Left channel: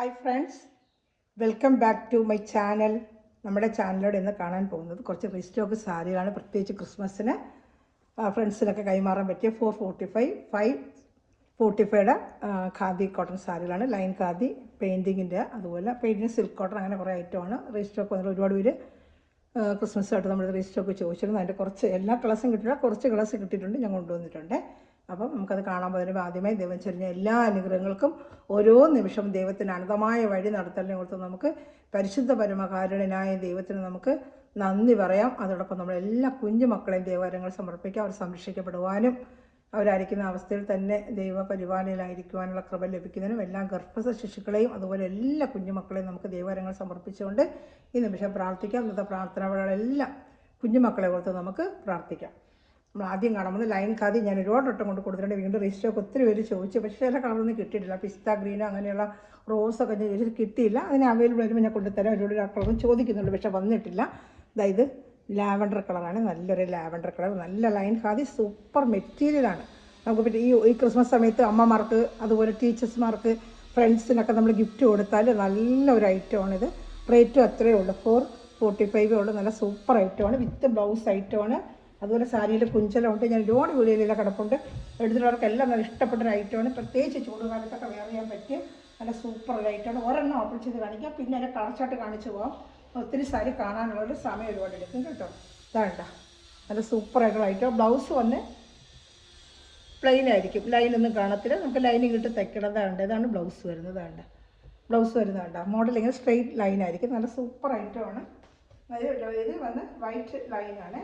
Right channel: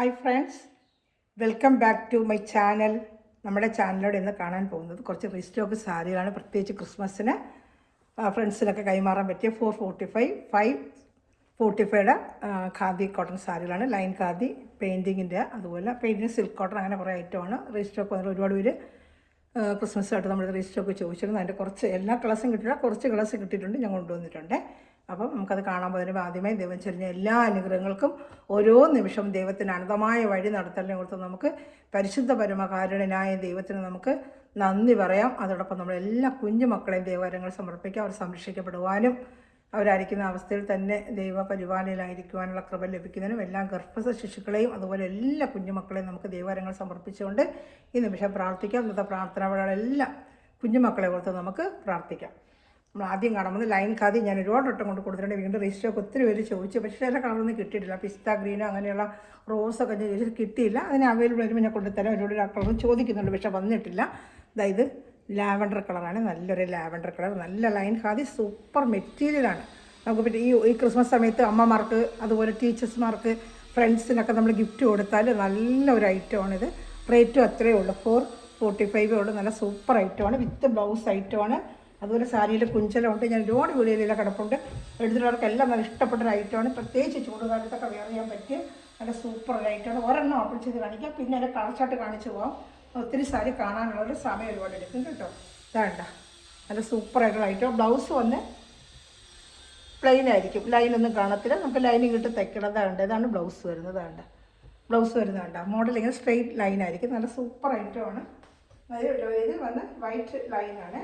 Hi friends, welcome back to my channel. നമ്മുടെ ചാനലിലൂടെ ഇന്ന് കാണാൻ പോകുന്നത് കുറച്ച് റീസ്റ്റോക്ക് സാരികളാണ്. പ്രത്യേകിച്ച് ക്രിസ്മസിന് ഫ്രണ്ട്സിനൊക്കെ കൈമാറാൻ പറ്റിയ 545 ഖാദി കോട്ടൺ സാരികളാണ്. ലൈൻ ഖാദി പെയിൻറ്റിങ്ങിൻ്റെ, അതുപോലെ പെയിൻറ്റിങ് സിൽക്ക് കോട്ടൺ, അങ്ങനെ കുറേ ഐറ്റമാണ് റീസ്റ്റോക്ക്. അതിൽ ഒരുപാട് പേര് ക്രിസ്മസായിട്ട് നമ്മൾ റീസ്റ്റോക്ക് ചോദിച്ചിരുന്നു. അതിൻ്റെ കുറച്ച് എല്ലാ കളേഴ്സും കിട്ടിയില്ല, കുറച്ച് കളേഴ്സ് കിട്ടിയിട്ടുണ്ട്, ഞാൻ കൊണ്ടുവന്നിട്ടുണ്ട്. അപ്പം നമുക്കത് കാണാൻ വരുമ്പോൾ ആദ്യമേ ദൈവം ചൊരിഞ്ഞ എല്ലാ അനുഗ്രഹങ്ങൾക്കും ഓരോ നിമിഷവും ദൈവത്തിന് അനന്തമായ വഴി നടത്തലിനെ ഓർത്ത് നമുക്ക് പരിശുദ്ധ പരമകാരുണ്യനായ ദൈവത്തിന് നമുക്ക് നന്ദി പറയാം. അതോടൊപ്പം നമ്മളെല്ലാ കുഞ്ഞുമക്കളെയും ദൈവകരങ്ങൾ സമർപ്പിക്കാം. അവർ സംരക്ഷിക്കപ്പെടുവാനും അവരായിരിക്കുന്ന അവസ്ഥയിൽ തന്നെ ദൈവപരിപാലനയിലായിരിക്കുവാനുള്ള കൃപ ലഭിക്കുന്നതിനും എല്ലാ ഗർഭസ്ഥ ശിശുക്കളെയും അതുപോലെ എല്ലാ കുഞ്ഞുമക്കളെയും നമുക്ക് ദൈവകരങ്ങൾ സമർപ്പിച്ചുകൊണ്ട് ഈ നിമിഷം പ്രാർത്ഥിക്കാം. ഇന്നത്തെ പ്രാർത്ഥനകളെല്ലാം കുഞ്ഞുമക്കളെ ഓർത്ത് നമുക്ക് പ്രാർത്ഥിക്കാം. നമ്മൾ ആദ്യം കാണുന്നത് ലൈൻ ഖാദി. ഞാൻ ഒരുപാട് വട്ടം കൊണ്ട് കൊടുത്തിട്ടുണ്ട്. വീണ്ടും രജിസ്റ്റർക്ക് ഒത്തിരി പേര് ചോദിച്ചു, പക്ഷേ എല്ലാ കളറൊന്നും കിട്ടിയിട്ടില്ല. പിസ്ത ഗ്രീനോ അങ്ങനെയുള്ള റോസൊക്കെ ഞാൻ കിട്ടിയില്ല. അതിന് അവൈലബിൾ വരുമ്പോൾ ഞാൻ കൊണ്ടുതരാം. ഒരുപാട് കളറും ചോദിക്കുന്നുണ്ട്, പക്ഷേ വന്നിട്ടില്ല. അതായത് ലാവൻഡർ കളറാണ്, നല്ലൊരു ലാവൻഡർ കളർ, നല്ല ലൈൻ ഖാദി, സൂപ്പർ മെറ്റീരിയലാണ്. നമുക്ക് പിന്നെ ഈ ക്രിസ്മസ് സമയത്ത് അമ്മമാർക്ക് അതുപോലെ ടീച്ചേഴ്സ്മാർക്ക് ഫ്രണ്ട്സിനൊക്കെ നമ്മൾ ഗിഫ്റ്റ് കൊടുത്താൽ നല്ലൊരു ഐറ്റമാണിത്. റേറ്റും അത്രയേ ഉള്ളൂ, 445 ഉള്ളൂ. നല്ല സൂപ്പർ ഐറ്റമാണ്, വിത്ത് ബ്ലൗസ് ഐറ്റമാണ്. അതുപോലെ സാരിയിൽ കുഞ്ചലുണ്ട്. ഞാൻ ഒരുപാട് വീഡിയോയിലെല്ലാം കിടപ്പുണ്ട്. എടുത്തിട്ടവർക്കെല്ലാം നല്ല ഇഷ്ടപ്പെട്ടൊരു ഐറ്റമാണ്. പ്രത്യേകിച്ച് ചൂടുകാലത്തൊക്കെ വെയർ ചെയ്യാൻ പറ്റിയ നല്ല സൂപ്പറുള്ള ഐറ്റമാണ്. ഒരെണ്ണം ഓപ്പൺ ചെയ്ത് കാണിക്കാം, പിന്നെ അതിൻ്റെ കളർച്ചാട്ട് കാണിച്ചു പോകാം. ഒത്തിരി സാരി കാണാനുള്ളൊരു സമയം ഒരുപാട് എടുക്കും കേട്ടോ. ഇതാണ്ട നല്ല സൂപ്പറായിട്ടുള്ള ഐറ്റം. ബ്ലൗസ് വന്ന് പ്ലെയിൻ ആയിരിക്കും, ലൈനൊന്നും കാണത്തില്ല. നമുക്ക് ലൈനിങ് ഇട്ട് തയ്ക്കണതാണ്ട്. ഇതാണ് ബ്ലൗസ് വരുന്നത്. ബ്ലൗസ് വരുന്നതാണ്ട മോഡൽ ഇങ്ങനെ സ്ട്രെയിറ്റ് ലൈൻ ആയിരിക്കും. നല്ല സൂപ്പർ ഐറ്റമാണ്. ഇത് വന്ന് വൈറ്റ് ലൈനാണ്.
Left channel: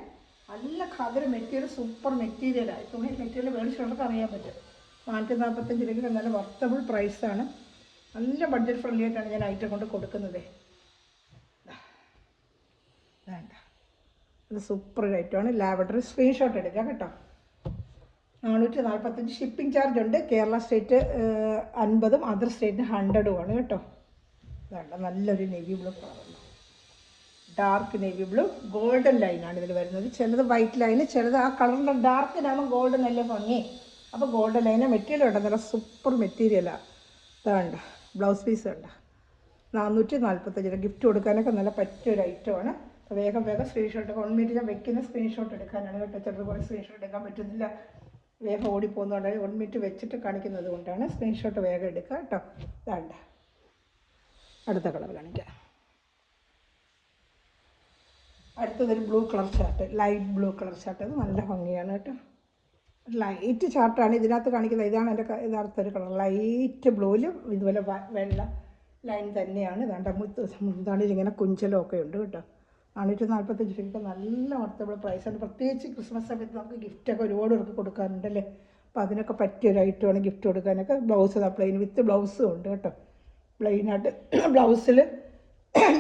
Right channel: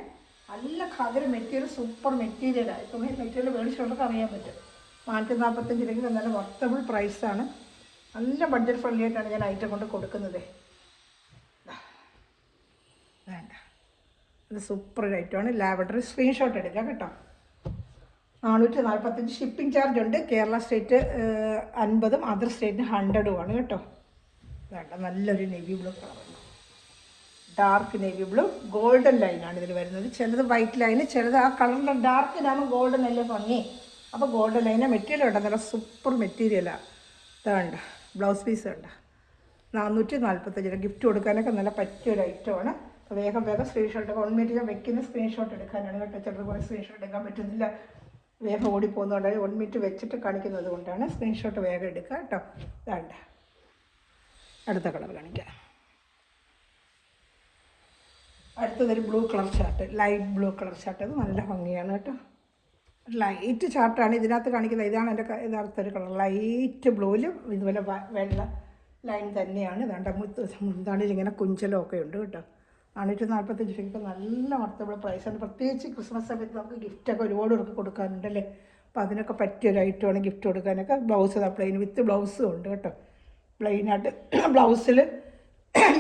നല്ല ഖദർ മെറ്റീരിയൽ, സൂപ്പർ മെറ്റീരിയലാണ്. ഇപ്പം മെറ്റീരിയൽ മേടിച്ചുകൊണ്ട് അറിയാൻ പറ്റും. 445 രൂപയ്ക്ക് നല്ല വർത്തബിൾ പ്രൈസാണ്. നല്ല ബഡ്ജറ്റ് ഫ്രണ്ട്ലി ആയിട്ടാണ് ഞാൻ ഐറ്റം കൊണ്ട് കൊടുക്കുന്നത്. വേണ്ട, ഇത് സൂപ്പർ ഐറ്റമാണ്. ലാവൻഡർ സ്ക്രീൻഷോട്ട് എടുക്കാം കേട്ടോ. 445 ഷിപ്പിംഗ് ചാർജ് ഉണ്ട്. കേരള സ്റ്റേറ്റ് 50, അതർ സ്റ്റേറ്റിന് 100 കേട്ടോ. വേണ്ട, നല്ലൊരു navy blue colour, dark navy blue, golden ലൈനാണ് ഇതിൽ വരുന്നത്. ചിലത് വൈറ്റ് ലൈന്, ചിലത് ആ കളറിൻ്റെ ഡാർക്കിനാണ് ഗോൾഡൻ ലൈൻ ഭംഗി. അപ്പോൾ ഗോൾഡൻ ലൈന് മെറ്റീരിയൽ ഉണ്ട്, നല്ല സൂപ്പർ മെറ്റീരിയലാണ്. ഇതാണ്ട് ബ്ലൗസ് പീസ് ഉണ്ട്. 445 ഗിഫ്റ്റ് കൊടുക്കാനൊക്കെ നല്ല പറ്റിയൊരു ഐറ്റമാണ്. അപ്പോൾ വേഗം സ്ക്രീൻഷോട്ട് 1 മിനിറ്റ് ഞാൻ വെക്കുന്ന സ്ക്രീൻഷോട്ട് എടുക്കാനാണ് കേട്ടോ. ചിലപ്പോൾ സ്ക്രീൻഷോട്ട് എടുക്കാൻ പറ്റുന്നില്ല, വേഗം ഓടിപ്പോകുന്നതുകൊണ്ടാണ് 1 മിനിറ്റ് വെച്ചിട്ട് കാണിക്കുന്നത് കൊണ്ടാണ്. സ്ക്രീൻഷോട്ട് വേഗം എടുക്കുക കേട്ടോ. ഇതാണ്ട് അടുത്ത കളർ കാണിക്കാം. അടുത്തതൊരു blue colour shirt, light blue colour shirt. അത് നല്ല ഭംഗിയാണ് കേട്ടോ. ലൈറ്റ് ഷർട്ടാണ് ഇതിനകത്ത് കാണിക്കുന്നത്. ഇതാണ് എൻ്റെ യഥാർത്ഥ ഒരു കളർ. ലൈറ്റ് ബ്ലൂവിലും ഇതുപോലെ വെള്ള ലൈൻ തന്നെയാണ്. ഇതാണ്ട് മുന്താണിൽ ഇങ്ങനെ കുഞ്ചലമൊക്കെ ഉണ്ട് കേട്ടോ. 445 രൂപയ്ക്ക് നല്ല വർത്തബിൾ പ്രൈസാണ്. പ്രത്യേകിച്ച് ക്രിസ്മസ് സമയത്ത് നമുക്ക് ഗിഫ്റ്റൊക്കെ ഒരുപാട് പേർക്ക് കൊടുക്കാറുണ്ടല്ലേ. അപ്പോൾ അതിനൊക്കെ പറ്റിയൊരു ഐറ്റമാണ് ഗിഫ്റ്റ് കൊടുക്കാനൊക്കെ. ബ്ലൗസ് പ്ലെയിൻ വിത്ത് ബ്ലൗസും ഉണ്ട് കേട്ടോ. പ്ലെയിനായിട്ട് ബ്ലൗസിൽ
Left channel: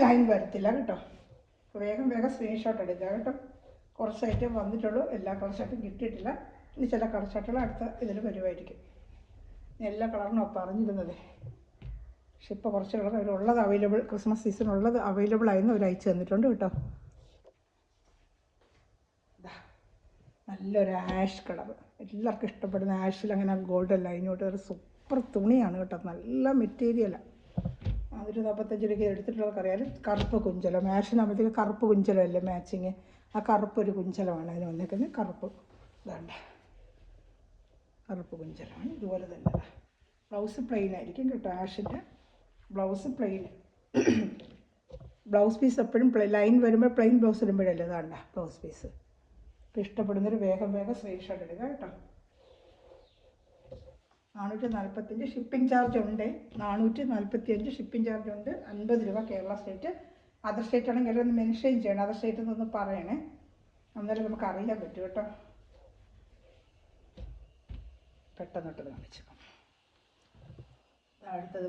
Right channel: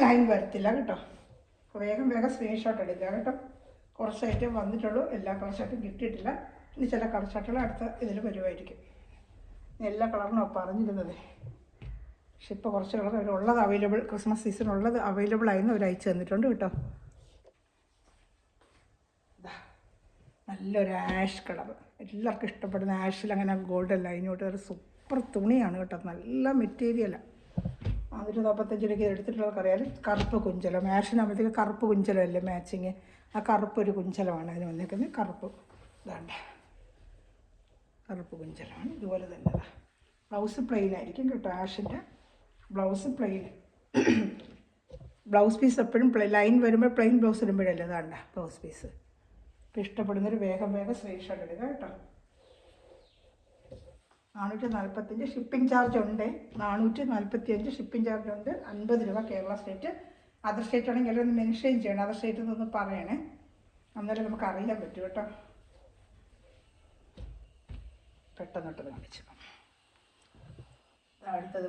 ലൈൻ വരത്തില്ല കേട്ടോ. വേഗം സ്ക്രീൻഷോട്ട് എടുക്കുക കേട്ടോ. കുറച്ച് ഐറ്റം വന്നിട്ടുള്ളൂ, എല്ലാ കളർ ഷർട്ടും കിട്ടിയിട്ടില്ല. ഇനി ചില കളർ ഷർട്ടുകൾ അടുത്ത ഇതിൽ വരുമായിരിക്കും. എല്ലാ കളറിനും പറഞ്ഞിരുന്നത്, പക്ഷെ ഇപ്പോൾ കുറച്ച് കളർ ഉള്ളത് അവൈലബിൾ, ക്രിസ്മസ് സീസൺ ഉള്ളത് അവൈലബിൾ ആയിരുന്നു, അവർ അയച്ചു തന്നിട്ടുണ്ട് കേട്ടോ. നല്ലൊരു ആഷ് കളർ, എല്ലാവർക്കും ഇഷ്ടപ്പെടുന്ന ആഷിൽ അങ്ങനെ ഗോൾഡൻ ലൈനോട്ട് ഒരു സൂപ്പർ തുണിയാണ് കേട്ടോ. നല്ല മെറ്റീരിയലാണ്. 445 രൂപയ്ക്ക് എടുത്തിട്ടുള്ളവർക്കറിയാം. കറുപ്പ് കുഞ്ചലം, മാഷിനാകുമ്പോഴത്തേക്ക് കറുപ്പ് കുഞ്ചലമല്ലേ മാച്ചിങ്. ആ കറുപ്പൊരു കുഞ്ചലമാണ് അതിന് വന്നിരിക്കുന്നത്. കറുപ്പ് ഇതാണ്ട് കറുപ്പ് കുഞ്ചലമാണ്. ഇതുപോലെ തന്നെ ബ്ലൗസ് പ്ലെയിൻ ആയിരിക്കും കേട്ടോ. ആഷിൻ്റെ ബ്ലൗസ് പ്ലെയിൻ. ബ്ലൗസ് പീസ് എപ്പോഴും ലൈൻ വരുമ്പോൾ പ്ലെയിൻ ബ്ലൗസ് ഇടുമ്പോഴല്ലേ. ഇതാണ്ട് ബ്ലൗസ് പീസ്. ഇഷ്ടപ്പെടുന്നൊരു വേഗം സ്ക്രീൻഷോട്ട് എടുക്കുക കേട്ടോ. 445 ഷിപ്പിംഗ് ചാർജ് ഉണ്ട്. 445 ഷിപ്പിംഗ് ചാർജ് ഉണ്ട്. 50 രൂപ കേരള സ്റ്റേറ്റ്. അതർ സ്റ്റേറ്റ് ആണെങ്കിൽ എല്ലാവരും മെൻഷൻ ചെയ്യണം. അതർ സ്റ്റേറ്റ് എന്നൊന്ന് പറയണേ, അന്നേരം നമുക്ക് അറിയാൻ പറ്റും കേട്ടോ. പെട്ടെന്നിട്ട് കാണിച്ചു. അടുത്തത്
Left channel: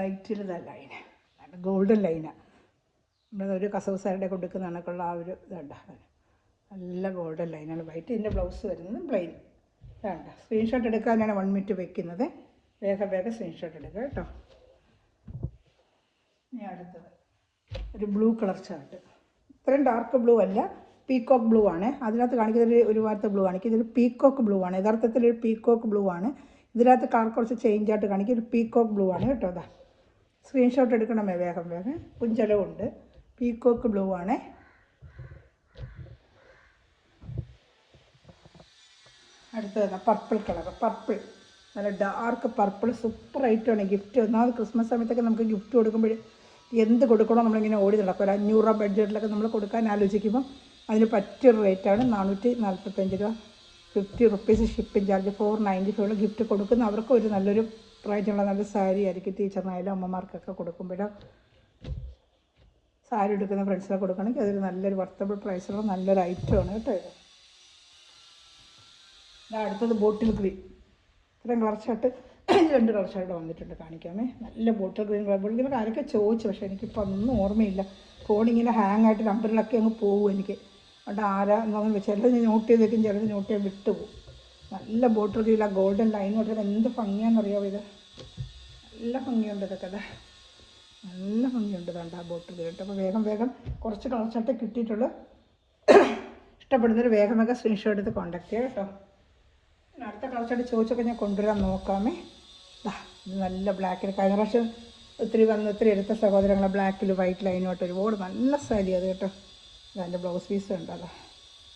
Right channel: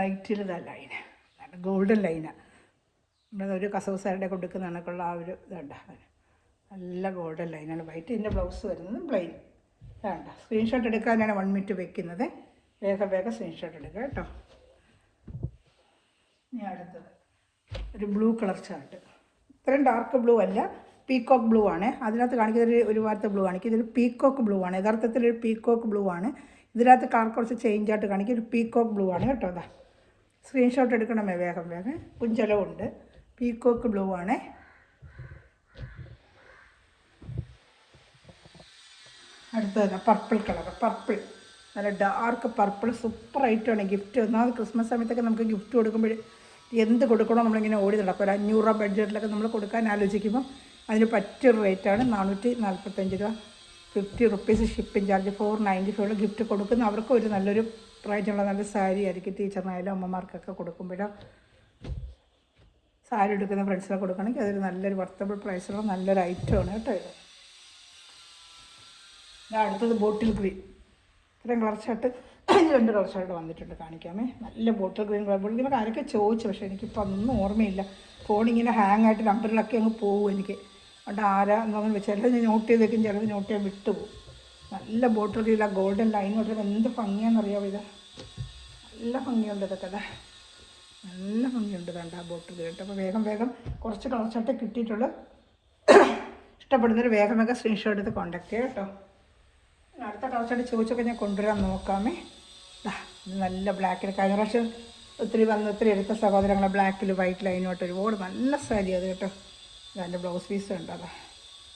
വൈറ്റിൽ ലൈന്, ഗോൾഡൻ ലൈനാണ്. നമ്മളൊരു കസവ് സാരിയുടെ കൊടുക്കുന്ന കണക്കുള്ള ആ ഒരു ഇതുണ്ട്. നല്ല ഗോൾഡൻ ലൈനാണ്. വൈറ്റിൻ്റെ ബ്ലൗസ് വരുന്നത് പ്ലെയിൻ. വേണ്ട, സ്ക്രീൻഷോട്ട് എടുക്കാനാണ് 1 മിനിറ്റ് വെക്കുന്നത്. വേഗം സ്ക്രീൻഷോട്ട് എടുക്കുക കേട്ടോ. ഇനി അടുത്തത് ഒരു ബ്ലൂ കളർ ഷർട്ട്. ഇത്രയും ഡാർക്ക് ബ്ലൂ അല്ല, പീക്കോക്ക് ബ്ലൂ ആണ്. അതിനകത്ത് കാണിക്കുന്നത് ഒരു വാർത്ത ബ്ലൂ കാണിക്കുന്നത്. ഇതൊരു പീക്കോക്ക് ബ്ലൂ ആണ്. യഥാർത്ഥത്തിലൊരു പീക്കോക്ക് ബ്ലൂ ആണ്. ഇതിനകത്ത് കളർ കുറച്ച് ചേഞ്ച് ആയിട്ട് കാണിക്കും. ഒരു പീക്കോക്ക് ബ്ലൂ ആണ് കേട്ടോ. അതാ സ്ക്രീൻഷോട്ട് എടുക്കണമേ വേഗം വേഗം. കുഞ്ചലമുണ്ട്. പീക്കോക്ക് ബ്ലൂ ആണ്. അടുത്തതല്ല പർപ്പിൾ കളർ. പർപ്പിൾ നല്ല ഡാർക്ക് പർപ്പിൾ സൂപ്പർ ഐറ്റമാണ്. ഗിഫ്റ്റ് ഒന്നാമത് ക്രിസ്മസ് സമയത്തൊക്കെ നമുക്ക് ഗിഫ്റ്റ് കൊടുക്കുമ്പോൾ എന്ത് കൊടുക്കണോ നമ്മളിങ്ങനെ ഓടി നടക്കും. ഒരു 500 രൂപ ബഡ്ജറ്റിലൊക്കെ നമ്മൾ കൊടുക്കാൻ ആലോചിക്കുമ്പോൾ അതിന് പറ്റിയൊരു റേറ്റാണ് 445 രൂപ. 50 റുപ്പീസ് ഷിപ്പിംഗ് ചാർജ്. 495 ഗിഫ്റ്റ് കൊടുക്കുന്ന അവർക്കും ഒരു നല്ലൊരു റേറ്റുള്ള നല്ല സാരി ആയിരിക്കും. ടീച്ചറിനായാലും അമ്മമാർക്കൊക്കെ കൊടുക്കുമ്പോഴോ സാരി എടുക്കുന്ന ഫ്രണ്ട്സിനൊക്കെ കൊടുക്കുകയാണെങ്കിൽ അതൊരു നല്ലൊരു വർത്തബിൾ പ്രൈസുള്ള നല്ലൊരു ഐറ്റമാണ് കേട്ടോ. അടുത്തത് ബോട്ടിൽ ഗ്രീൻ. ഇത്രയും കളർ ഷർട്ട് 2 കളർ ഷർട്ട് വന്നിട്ടുണ്ട്. കാണിക്കാമേ. നല്ല bottle green colour. Bottle green ആരൊക്കെ ചോദിച്ചു, പക്ഷേ എനിക്കിപ്പോൾ ഒന്നും ഓർമ്മയില്ല. ഫോണിങ്ങനെ ഹാങ് ആയിട്ട് നമ്പറിലൊക്കെ അങ്ങ് പോകും എനിക്ക്. അതുകൊണ്ട് ആരാന്ന് ചിലത് നോട്ട് ചെയ്ത് വെക്കും, ചിലത് നോട്ട് ചെയ്യാൻ വിട്ടുപോകും. നല്ല ബോട്ടിൽ ഗ്രീൻ ഗോൾഡൻ ലൈൻ തൊട്ട് എന്ത് ഭംഗിയാണെന്നറിയാമോ ഇത്. നല്ല ഭംഗിയുണ്ട് ഇതൊക്കെ. നല്ല ഭംഗിയുണ്ട് വേണ്ട ബോട്ടിൽ കേട്ടോ. അപ്പോൾ വേഗം വേഗം കുറച്ച് കളർ ഷർട്ട് കിട്ടിയിട്ടുള്ളൂ. ഇഷ്ടപ്പെടുന്നൊരു വേഗം വേഗം സ്ക്രീൻഷോട്ട് എടുത്ത് കോൺടാക്ട് ചെയ്യാം കേട്ടോ. അടുത്ത കളർ ഷർട്ട് ചോദിച്ചൊക്കെ ഞാൻ കൊണ്ടുവരാൻ നോക്കാമേ. നല്ല ബ്ലാക്കിൽ കഴിഞ്ഞ പ്രാവശ്യം ഒത്തിരി എടുത്ത സഹോദരങ്ങളെ ബ്ലാക്കിൽ വൈറ്റ് ലൈനോട്ട് ഒരുപാട് നല്ല സാരി അത് കേട്ടോ. അതിൻ്റെ ബ്ലൗസ് പീസ് ഉണ്ടല്ലോ.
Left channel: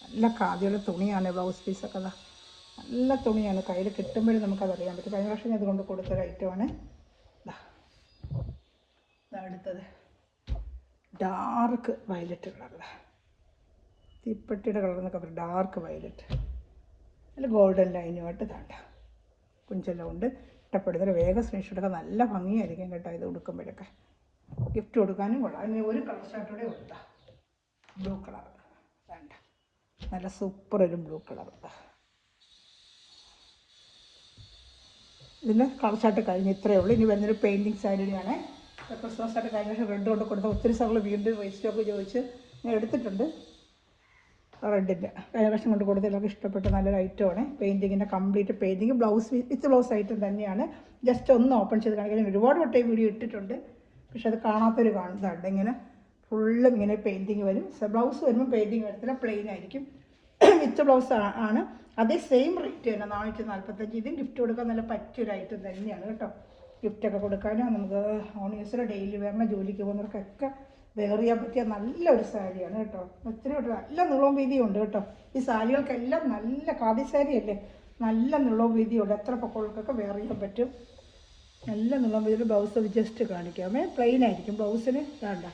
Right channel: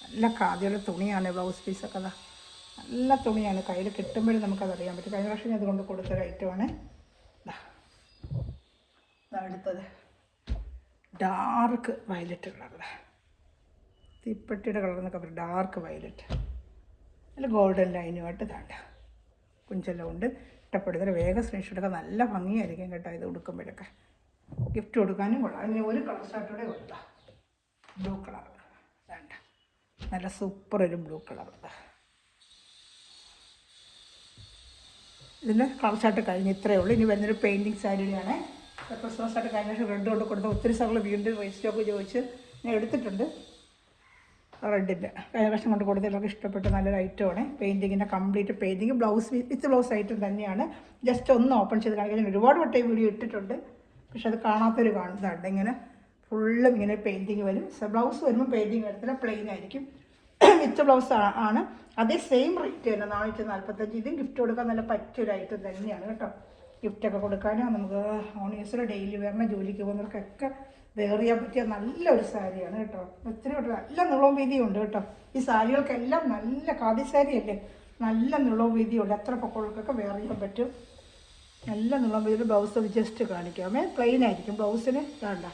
നല്ല കാതിയുള്ള തുണിയാണ് ബ്ലൗസ് പീസൊക്കെ. നല്ല തുണിയാണ്. കയ്യിൽ കിട്ടുമ്പോഴും നമുക്കതറിയാൻ പറ്റും. കഴിഞ്ഞ പ്രാവശ്യം ഇതുകൊണ്ട് കൊടുത്തൊരു ഐറ്റമാണ്. അടുത്തത് ഡാർക്ക് വയലറ്റ് കളർ. തീപ്പെട്ടിയുടെ കളർ എന്നൊക്കെ പറയും. ഡാർക്ക് വയലറ്റ് നല്ല ഗോൾഡൻ ലൈനുമായിട്ട് ഇതാണ്ട് കുഞ്ചെല്ലാം ഇഷ്ടപ്പെടുന്നതിന് വേഗം സ്ക്രീൻഷോട്ടൊക്കെ നല്ല ഭംഗിയായിരിക്കും കേട്ടോ. ഇത് കൊടുക്കുമ്പോഴൊക്കെ ഗിഫ്റ്റ് കൊടുക്കാനും കൊള്ളാം. ഇനി ഒരു കളർ ഷർട്ടോടെ കൊടുക്കാം. ബ്ലൂ കളർ വേണ്ട നല്ല സൂപ്പർ ഒരു ബ്ലൂ കളർ. ഇതിന് കളർ ഷർട്ട് കഴിഞ്ഞ് ഇത്രയേ ഉള്ളൂ. ഇനി വരുന്നൊരു പെയിൻറ്റിങ് സാരിയാണ്. ക്രിസ്മസ് ആയിട്ട് കഴിഞ്ഞ റെഡ് കൊണ്ട് കൊടുത്ത് ഒത്തിരി സ്ഥലങ്ങൾ വീണ്ടും രജിസ്റ്ററൊക്കെ ചോദിച്ച് ഞാൻ എടുത്തിട്ടുണ്ട്. റെഡിൻ്റെ കഴിഞ്ഞ വർഷം കൊണ്ട് കൊടുത്തതൊക്കെ ഇഷ്ടപ്പെട്ട നല്ലൊരു ഐറ്റമാണ്. പെയിൻറ്റിങ്ങിൻ്റെ complete painting blouse with blouse item തന്നെയാണ്. ജസ്റ്റ് ഒന്ന് ഓപ്പൺ ചെയ്ത് കാണിക്കാൻ ഒരുപാട് വട്ടം വീഡിയോ ഇട്ടിട്ടുണ്ട്. പക്ഷെ അത് കാണാത്തൊരു കാണുന്നതാണ്. ഇങ്ങനെ ഫുള്ളും ഇങ്ങനെ പെയിൻറ്റിങ് വരും. ബ്ലൗസ് വരുമ്പോൾ പെയിൻറ്റിങ് എടുത്തില്ല, പ്ലെയിൻ ആയിരിക്കും. വിത്ത് ബ്ലൗസ് ആണ്. അതേ സെയിം റേറ്റ് തന്നെ 445. ഇതും ഗിഫ്റ്റ് കൊടുക്കാൻ നല്ല പറ്റിയൊരു ഐറ്റം തന്നെയാണ് കേട്ടോ. ഗിഫ്റ്റൊക്കെ കൊടുക്കാനും നമുക്ക് ഓണേഴ്സിൽ ഡെയിലി വരുന്ന ജോലിക്ക് പോകുന്നവർക്കൊക്കെ വെയർ ചെയ്യാൻ പറ്റിയ നല്ലൊരു സാരിയാണ് കേട്ടോ. എത്രയും നല്ല നീളവും വീതിയും ഉണ്ട് കേട്ടോ. ഈ സാരികൾക്കെല്ലാം നല്ല ഖാദി സാരിയല്ലേ, നല്ല നീളവും വീതിയുണ്ട്. അത്ര പൊക്കങ്ങൾക്കൊക്കെ വെയർ ചെയ്യാൻ പറ്റും. നല്ല നീളം വീതി. Blouse just കാണിക്കാമേ. പ്ലെയിൻ ആയിരിക്കും ബ്ലൗസിന്. വേണ്ട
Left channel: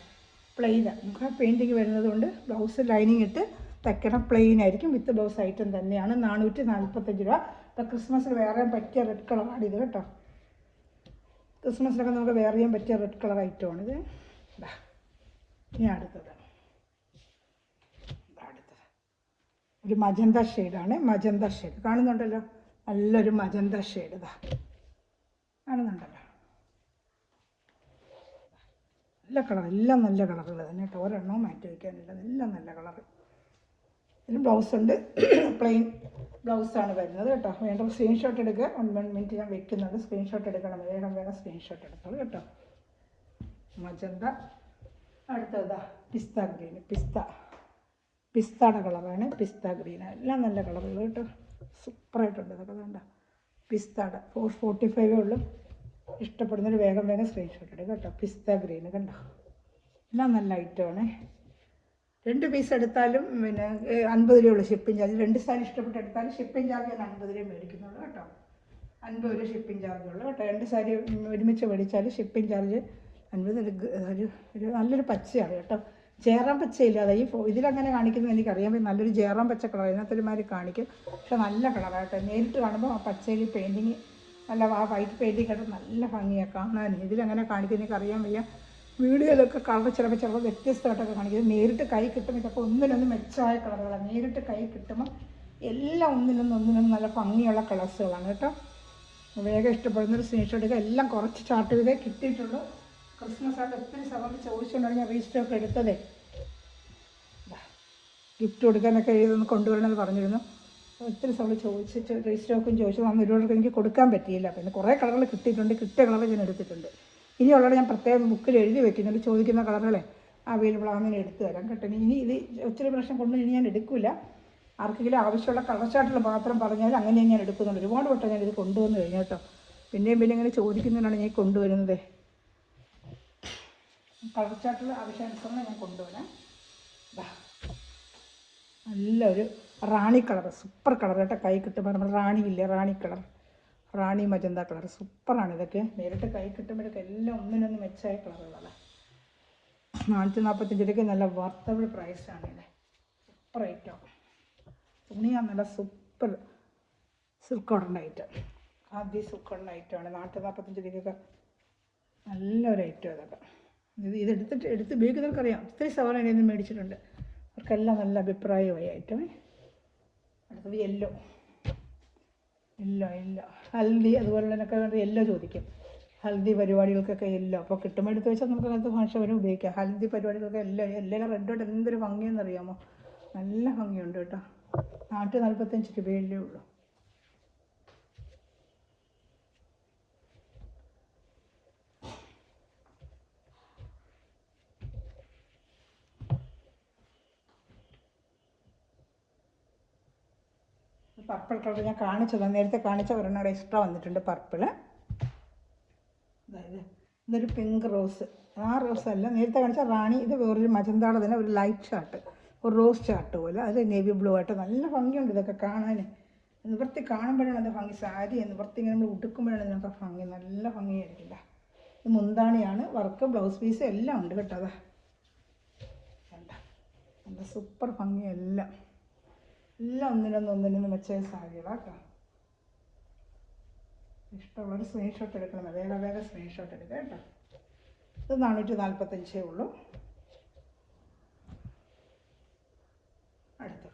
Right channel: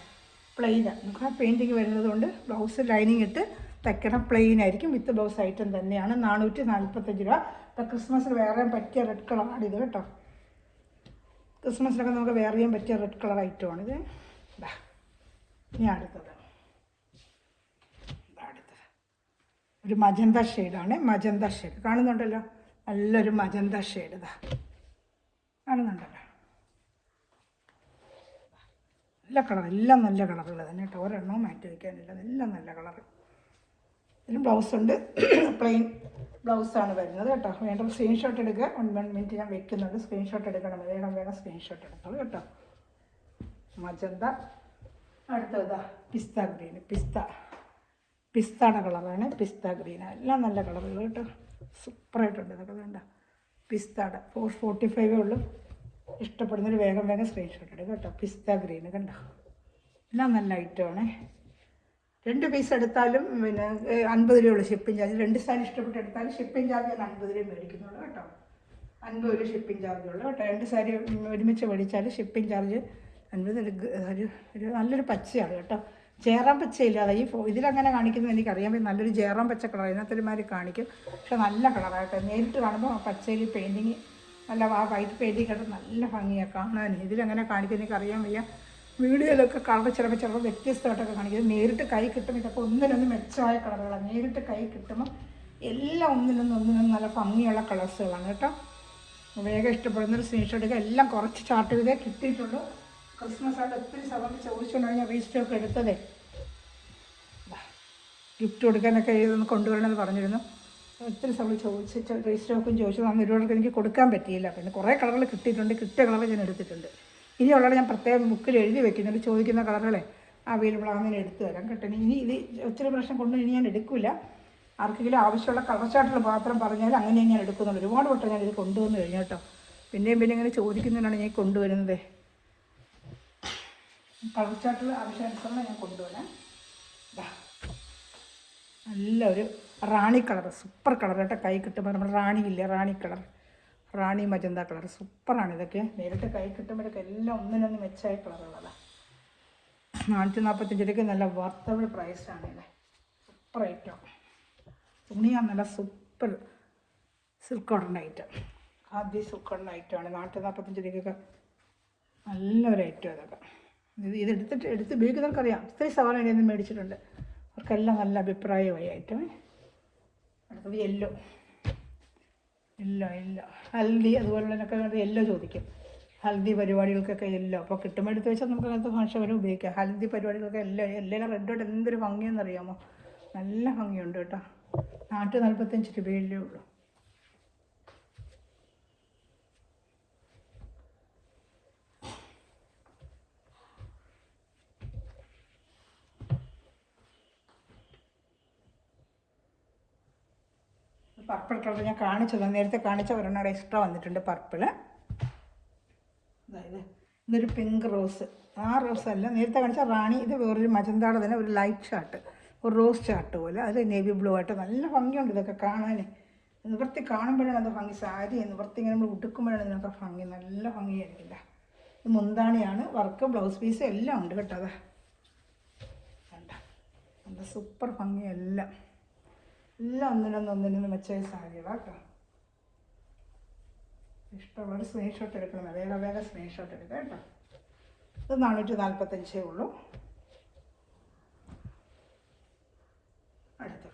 പ്ലെയിനാണ്. നമുക്ക് ആ പെയിൻറ്റിങ് വരുന്നത് കൊണ്ട് ബ്ലൗസ് ലൈനിങ് ഇട്ട് തയ്ക്കണം. പ്ലെയിൻ ആയിരിക്കും. വിത്ത് ബ്ലൗസ് ഐറ്റം തന്നെയാണ്. 445 രൂപ. ഇപ്പോൾ ക്രിസ്മസിന് വേറെ പറ്റിയ റെഡ് കളറാണ് ഇത് കേട്ടോ. ക്രിസ്മസിനൊക്കെ നമുക്ക് വേറെ ചെയ്യാൻ പറ്റിയ റെഡ് കളർ ഐറ്റമാണിത്. ഇനി അടുത്തത് ഒരു മജന്ത ഷെയ്ഡാണ്. മജന്ത ഷെയ്ഡ് കാണുന്നുണ്ടല്ലോ. നല്ലൊരു മജന്ത ഷെയ്ഡ് ഇതാ കാണുന്നുണ്ടല്ലോ. നല്ല കളർ. എല്ലാം നല്ല കളറുകൾ തന്നെ കേട്ടോ. ഒരെണ്ണവും മാറ്റി വയ്ക്കാനില്ല. എല്ലാം നല്ല കളർ. ഇതിന് ബ്ലൗസുണ്ട്. പ്ലെയിൻ ബ്ലൗസാണ് വരുന്നത് കേട്ടോ. വേണ്ട സ്ക്രീൻഷോട്ട് എടുക്കുക. 1 മിനിറ്റ് ഞാൻ വെക്കുന്നുണ്ട്. സ്ക്രീൻഷോട്ട് എടുക്കണം. വേണം സ്ക്രീൻഷോട്ട് എടുത്തോളൂ കേട്ടോ. മജന്ത. അടുത്തതാ പിസ്ത ഗ്രീൻ. പിസ്തയുടെ കളറാണ്. പിസ്ത ഗ്രീൻ. എല്ലാം നല്ല കളറുകൾ കേട്ടോ. സൂപ്പറായിട്ടുണ്ട് ഇതൊക്കെ. വേണ്ട പിസ്തയുടെ 445 ഉള്ളൂ. ഇഷ്ടപ്പെടുന്നൊരു വേഗം സ്ക്രീൻഷോട്ട് എടുക്കുക കേട്ടോ. പിസ്ത ഗ്രീൻ കണ്ടോ. എല്ലാം നല്ല ഐറ്റമാണ്. 2 പീസ് എടുത്താലും പിന്നെ 50 രൂപയുള്ള ഷിപ്പിംഗ് ചാർജ്. 2 സാധനം ഇഷ്ടപ്പെട്ട് എടുത്താലും ഷിപ്പിംഗ് ചാർജ് 50 രൂപ മേടിക്കുന്നുള്ളൂ കേട്ടോ. 50 രൂപ ഷിപ്പിംഗ് ചാർജ് ഉള്ളൂ കേട്ടോ. 2 സാരി ഒരുമിച്ച് മേടിച്ചാൽ ഷിപ്പിംഗ് ചാർജ് 50. ഒരു നല്ലൊരു പച്ചയാണ് കേട്ടോ. ജയറാം പച്ചയില്ലാതെ ഈ ഇതിലങ്ങനെ കാണിക്കുന്നത് എനിക്കറിയാം. നല്ലൊരു ജയറാം പച്ച കളർ അതിനകത്തൊരുമാതിരി കാണിക്കും. പക്ഷെ നല്ല കളറാട്ടോ. നേരിട്ട് കാണുമ്പോൾ ആ പച്ചയിൽ പെയിൻറ്റിങ് നല്ല ആ വൈറ്റ് പെയിൻറ്റിങ് കേട്ടോ നല്ല ഭംഗിയാണ് കാണാൻ. ഇതിലങ്ങനെ കാണിക്കുന്നത് എനിക്കറിയാൻ വയ്യ. വീഡിയോയിലൊക്കെ കളർ ചിലപ്പോൾ വ്യത്യസ്തമായിട്ടൊക്കെ കാണിക്കുന്നത്. നേരിട്ട് കൈ കിട്ടുമ്പോൾ ഇതൊക്കെ ഒന്നിനൊന്നും മെച്ചമായ കളറുകളാണ്. നേരിട്ട് കൈ കിട്ടുമ്പോൾ എല്ലാം ഒന്നിനൊന്നും നല്ല ഭംഗിയുള്ള കളേഴ്സുകളാണ് കേട്ടോ. വേഗം ഇഷ്ടപ്പെടുന്നൊരു സ്ക്രീൻഷോട്ട് എടുക്കുക. എല്ലാം കുറച്ച് ചാർട്ട് ചെയ്തേ കിട്ടിയിട്ടുള്ളൂ. ക്രിസ്മസ് ആയിട്ട് ഒത്തിരി സമയത്ത് ചോദിച്ചുകൊണ്ടാണ് ഞാൻ രജിസ്റ്ററൊക്കെ എടുത്തതേ. ഗിഫ്റ്റ് കൊടുക്കാനൊക്കെ എഴുതുന്ന കൊണ്ടുവരണമെന്ന് പറഞ്ഞിരുന്നു. ഒത്തിരി സമയം ചോദിച്ചിട്ട് രജിസ്റ്ററൊക്കെ ചോദിച്ചു. ഒരുപാടൊക്കെ എനിക്ക് കൊടുക്കാൻ പറ്റിയില്ല. പിന്നെ കുറേ കളറുകൾ കിട്ടിയിട്ടുണ്ട്. കിട്ടിയ കളർ ഞാൻ എടുത്തിട്ടുണ്ട്. ഇനിയുള്ളത് ഞാൻ പ്രത്യേകം ബുക്കിൽ എഴുതി വെക്കുന്നുണ്ട്. ചോദിക്കുന്ന കളറുകളെ അവൈലബിൾ ആണെന്ന് എടുത്തു തരാം കേട്ടോ. ഇനി ഇത് ഒത്തിരി പ്രാവശ്യം കൊണ്ടു ഇനി ഞാൻ എടുക്കില്ല. ആർക്കെങ്കിലും ആവശ്യമുള്ള കളർ ചാർട്ടിൽ മാത്രം പറഞ്ഞാൽ അങ്ങനെ ഞാൻ എടുക്കുന്നുള്ളൂ. ഒരുപാട് വട്ടം ഞാനിത് കൊണ്ടുവന്ന് കഴിഞ്ഞു കേട്ടോ. പിന്നെയും പിന്നെ ഇങ്ങനെ ചോദിക്കുന്നതിനാണ് ഞാൻ കൊണ്ടുവരുന്നത്. കളർ ചാർട്ടിൽ ആവശ്യാനുസരണം ഞാൻ കൊണ്ടുവരാം. നല്ലൊരു റാണി കളർ, സൂപ്പർ കളർ കേട്ടോ. കൈ കിട്ടുമ്പോൾ നമ്മൾ റാണിയില്ലേ, റാണി കളർ, റാണി മജന്ത കളർ, സൂപ്പറാണ് ഇതൊക്കെ. നേരിട്ട് കൈ കിട്ടുമ്പോഴൊക്കെ എല്ലാം ഒന്നിനൊന്ന് മെച്ചായ കളറുകളാണ്. 445 രൂപയ്ക്ക് നല്ല വർത്തബിൾ പ്രൈസാണ് ഇത്. Super item. തുണിയാണ് നല്ല സൂപ്പർ സിൽക്ക് കോട്ടൺ ഐറ്റം. ആദ്യ സിൽക്ക് കോട്ടൺ ഐറ്റമാണ്. 445 രൂപയ്ക്കൊക്കെ നല്ലൊരു ഐറ്റം അതൊക്കെ. എടുത്ത് ഉപയോഗിക്കുന്നവർക്കറിയാം. ഒത്തിരി സവാള നിന്ന് മേടിച്ചിട്ടുണ്ട്, അവർക്കെല്ലാം നല്ല അഭിപ്രായമായി ഐറ്റമേ. അടുത്തത് യെല്ലോ ഹൽദി അതുപോലുള്ളതിനൊക്കെ വേണ്ടി യെല്ലോ ചോദിക്കും. ഹൽദി പരിപാടികൾക്കൊക്കെ യെല്ലോ അപ്പോൾ കിട്ടുമ്പോൾ എടുത്ത് വെച്ചാൽ നമുക്ക് അങ്ങനത്തെ ഭാഷവരും ഉപയോഗിക്കാം. ഹൽദി പരിപാടികൾക്കൊക്കെ യെല്ലോ റെഡോട്ട് എന്തൊരു ഭംഗിയെന്നറിയാമോ, നല്ല ഭംഗിയുണ്ട് കേട്ടോ. 445 രൂപയല്ലേ ഉള്ളൂ. പർപ്പിൾ കളർ ഞാൻ കാണിച്ചത് നേരത്തെ കാണിച്ച ഒരെണ്ണം എക്സ്ട്രാ വന്നിട്ടുണ്ട് പർപ്പിള്. അതായത് ഇതൊരു പിങ്ക് റോസ്, ആ റോസ് അല്ല നേരത്തെ കാണിച്ച റാണി. ഇത് വേറൊരു മജന്താടെ തന്നെ ഒരു ലൈറ്റ് ഷർട്ട്, ഒരു റോസ് ചാർട്ട് പോലെ, അത് നേവി ബ്ലൂ ആയിട്ട് നല്ല ഭംഗിയുണ്ട് ഇതൊക്കെ കാണാൻ. നിവർത്തി കാണുമ്പോഴാണ് അത് ഭംഗി. സാരി നിവർത്തി ഇങ്ങനെ നമ്മൾ ഉടുക്കുമ്പോഴാണ് ഇതിനൊക്കെ ഭംഗി, നല്ല ഭംഗിയായിരിക്കില്ല. ഇത് മുന്താണിയാണ്, വർക്ക് ബ്ലൗസ് പീസ് എല്ലാം ഉണ്ട് കേട്ടോ. അത് എന്താ സൂപ്പർ ഭംഗി, എല്ലാം ഒന്നിനൊന്ന് മെച്ചായ സാരികളാണ് കേട്ടോ. ഇഷ്ടമുള്ളൊരു സ്ക്രീൻഷോട്ട് എടുക്കണം, വേഗം സ്ക്രീൻഷോട്ട് എടുക്കാം കേട്ടോ. ഇത് 445 ഉള്ളൂ. അടുത്ത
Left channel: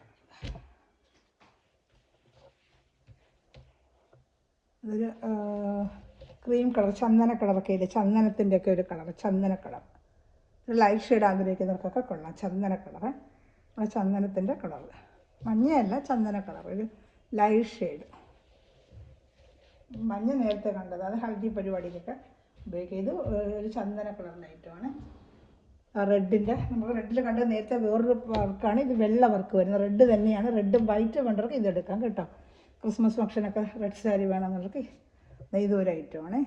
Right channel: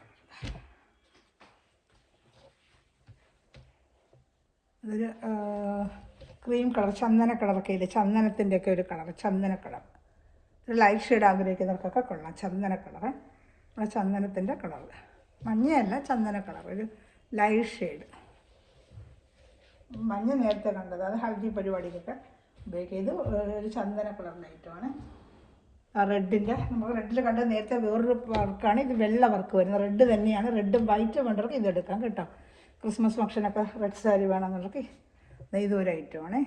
ഇതൊരു ക്രീം കളർ, ചന്ദന കളറൊക്കെ ഇല്ലേ, ചന്ദനത്തിൻ്റെയൊക്കെ ഒരു കളർ, ചന്ദന കളർ. ഒരു ലൈറ്റ് ഷെയ്ഡ് ആഗ്രഹിക്കുന്നവർക്കൊക്കെ കൊള്ളാം. ചന്ദന കളറ്, ചന്ദനത്തിൻ്റെ കളർ, മഞ്ഞയല്ല ചന്ദന കളർ, ഒരു ലൈറ്റ് ഷെയ്ഡ്. മഞ്ഞ നേരത്തെ കണ്ടത്, അത് ഹൽദി പരിപാടിക്കൊക്കെ ഉപയോഗിക്കുക. ഇത് ഒരു ചന്ദന കളർ ഐറ്റമാണ്. റെഡിൻ്റെ നമ്മൾ റെഡിൽ കണ്ടത് നേരത്തെ വേറൊരു വർക്കാണ്. ഇത് വെള്ള വർക്ക് വരുന്നത്, റെഡ് തന്നെയാണ്. റെഡും വൈറ്റും വേണ്ടവർക്ക് ഇതെടുക്കാം കേട്ടോ. ക്രിസ്മസ് ഫംഗ്ഷനൊക്കെ റെഡ് സാരി വേണമെന്നുള്ളവർക്ക് ഇതൊരു ഐറ്റമാണ്.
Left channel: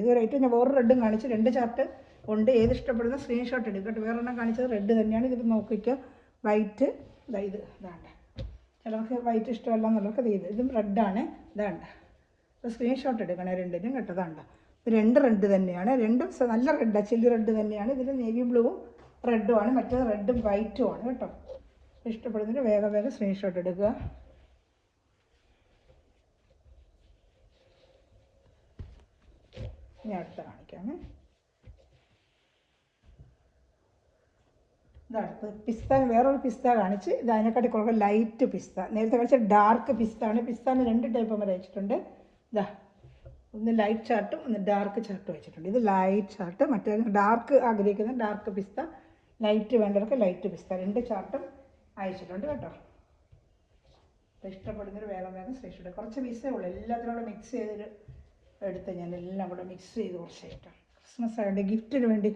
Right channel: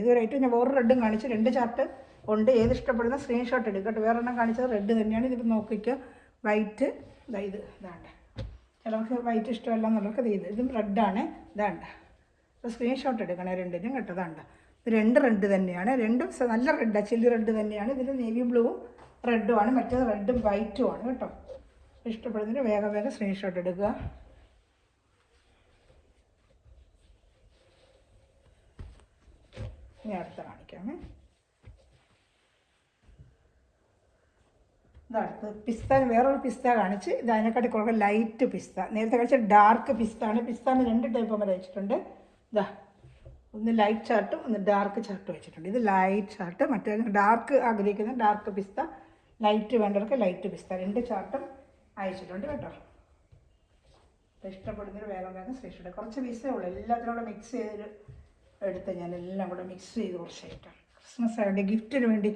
ഇതൊരു ഐറ്റം ഞാൻ വേറൊരു റെഡും കാണിച്ചു. 2 ചാർട്ട് ഉണ്ട്, ഏത് ഇഷ്ടപ്പെടുന്ന സ്ക്രീൻഷോട്ട് എടുക്കുക കേട്ടോ. വേറെണ്ണം കാണിച്ചത് റെഡ് തന്നെയാണ്. ഇതിപ്പോൾ നോക്കിക്കുക, വൈറ്റ് ഇതാണ്ട്. ചിലർക്ക് വൈറ്റ് ഇഷ്ടമല്ല എന്നുള്ളവർക്ക് ഇതും റെഡാണ്. ഇതാണ്ട, സ്ക്രീൻഷോട്ട് എടുക്കണേ രണ്ടിനും കേട്ടോ. ഇതാണ്ട, 2 റെഡ് തന്നെയാണ്, 2 നല്ല റെഡാണ്, ചില്ലി റെഡ് തന്നെയാണ്. ഇതിൽ നേവി ബ്ലൂവും റെഡുമാണ്, മറ്റേത് റെഡും വൈറ്റും ആണ് കേട്ടോ. ഇഷ്ടപ്പെടുന്നതിന് വേഗം സ്ക്രീൻഷോട്ട് എടുക്കുക. ഇനി അടുത്ത കാണിക്കാമേ. ഇതടുത്ത് പിസ്ത, വേറൊരു പിസ്ത കാണിച്ച്. ഇത് അതിനെക്കാട്ടി കുറേ ലൈറ്റ് പിസ്ത. നേരത്തെ കാണിച്ച ഡാർക്ക് പിസ്താണ്. പിസ്താന്ന് 2 ടൈപ്പ് വരെ വെച്ചിട്ടുണ്ട്. ഇതാ, ഒന്ന് ലൈറ്റ് ചാർട്ടും ഒന്ന് ഡാർക്ക് ചാർട്ടും വെച്ചിട്ടുണ്ട്. ഇത് ലൈറ്റ് ചാർട്ട്, മറ്റേ ഡാർക്ക് ആഗ്രഹിക്കുന്ന ഡാർക്ക് പിസ്ത, ലൈറ്റ് വേണ്ടവർക്ക് ലൈറ്റ് പിസ്ത. 2 ചാർട്ടും അയച്ചിട്ടുണ്ട് കേട്ടോ. ഇഷ്ടപ്പെടുന്നൊരു വേഗം സ്പെഷ്യൽ. കുറച്ച് പീസേ ഉള്ളൂ, എല്ലാത്തിനും കൂടെ മിക്സ് ചെയ്ത് എടുത്ത് ഞാൻ എല്ലാം കൂടെ മിക്സ് ചെയ്ത് കുറച്ചായിട്ടാണ്. ക്രിസ്മസ് ആയിട്ട് ഗിഫ്റ്റിന് വേണ്ടി